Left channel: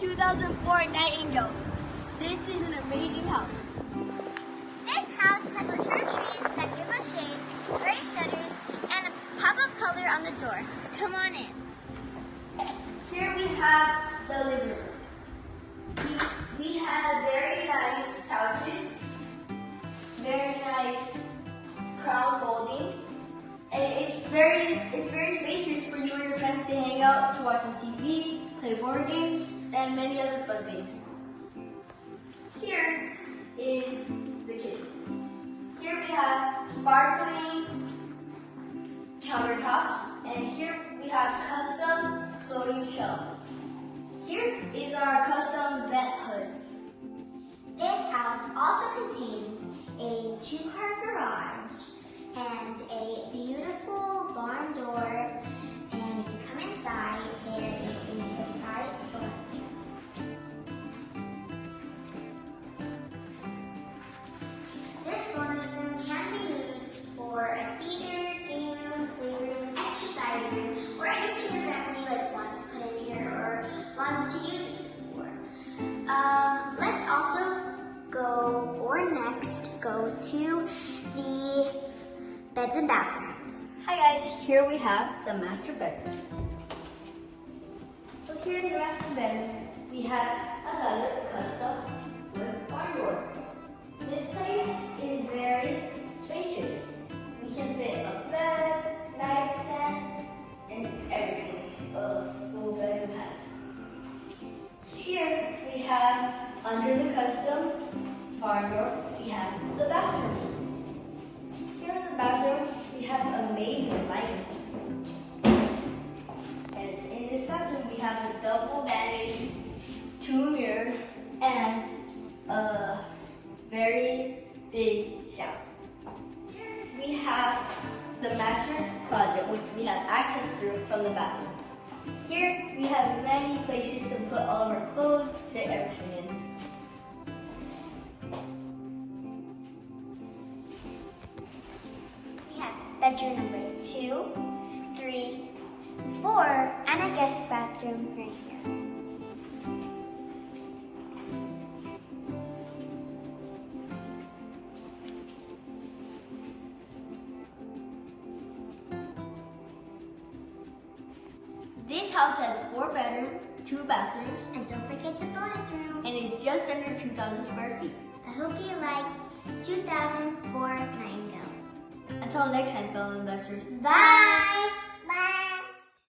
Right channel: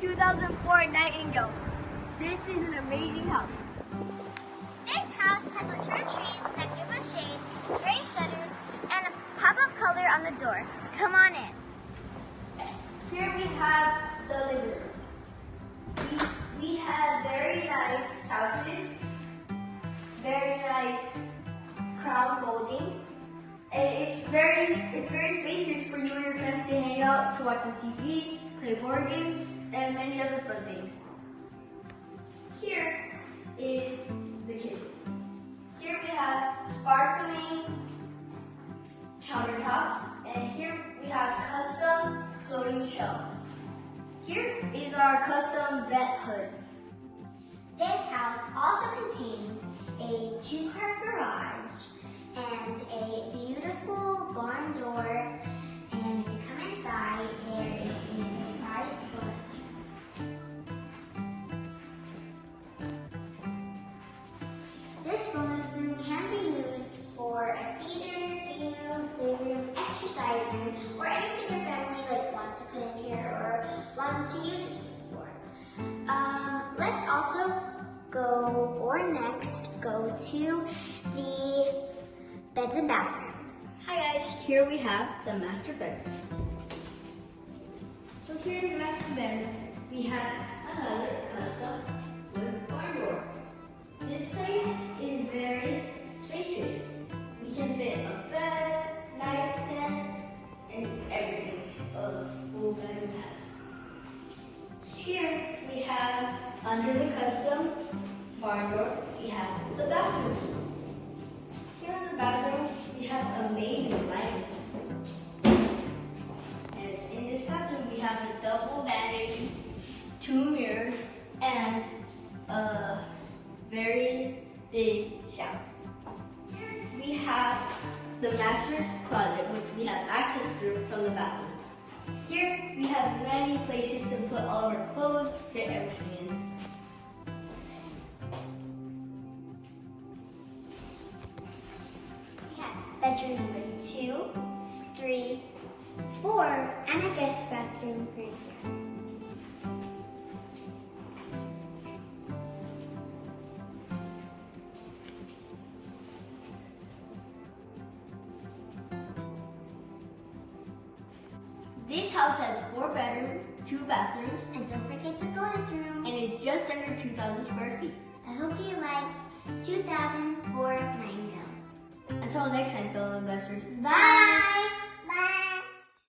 2004 Nightingale. This is an amazing house. This house has mature trees that give us shade, gray shutters, and a pop of color on the door. Come on in. Here we have the living room. We have very nice couches, very nice crown molding, and it's very spacious for you and your friends to hang out, to watch on TV, play board games, and many other fun things. Here is the kitchen. Here we have sparkling countertops, and here we have custom floating shelves. Here is our custom vent hood. This house also contains a 2-car garage and a beautiful barn door. And if you come inside, there is a surprise bonus room. This bonus room can be used for a theater, game room, playroom, exercise room, or anything your family wants to put in here or wants to use this room for. Let's also go to the beds and bathroom. Hi guys, here we have the master bedroom. So here in the master bedroom, we have another custom wood barn door. This place is very spacious. We can fit a bed, nightstand, and everything a little bedroom has. Here we have, under the custom barn door, we have the bathroom. Here in the bathroom, we have amazing lighting. And in this bathroom, we have a double vanity, 2 mirrors, and a very big shower. Here we have the master's closet, which we have access through from the bathroom. Here we have many places to put all of our clothes, fit everything in. We have bedroom number 2, 3, 4, and a guest bathroom right here. This house has 4 bedrooms, 2 bathrooms, And don't forget the bonus room. and is just under 2,000 square feet. I hope you liked 2004 Nightingale. Until next time, fellow investors. Bye!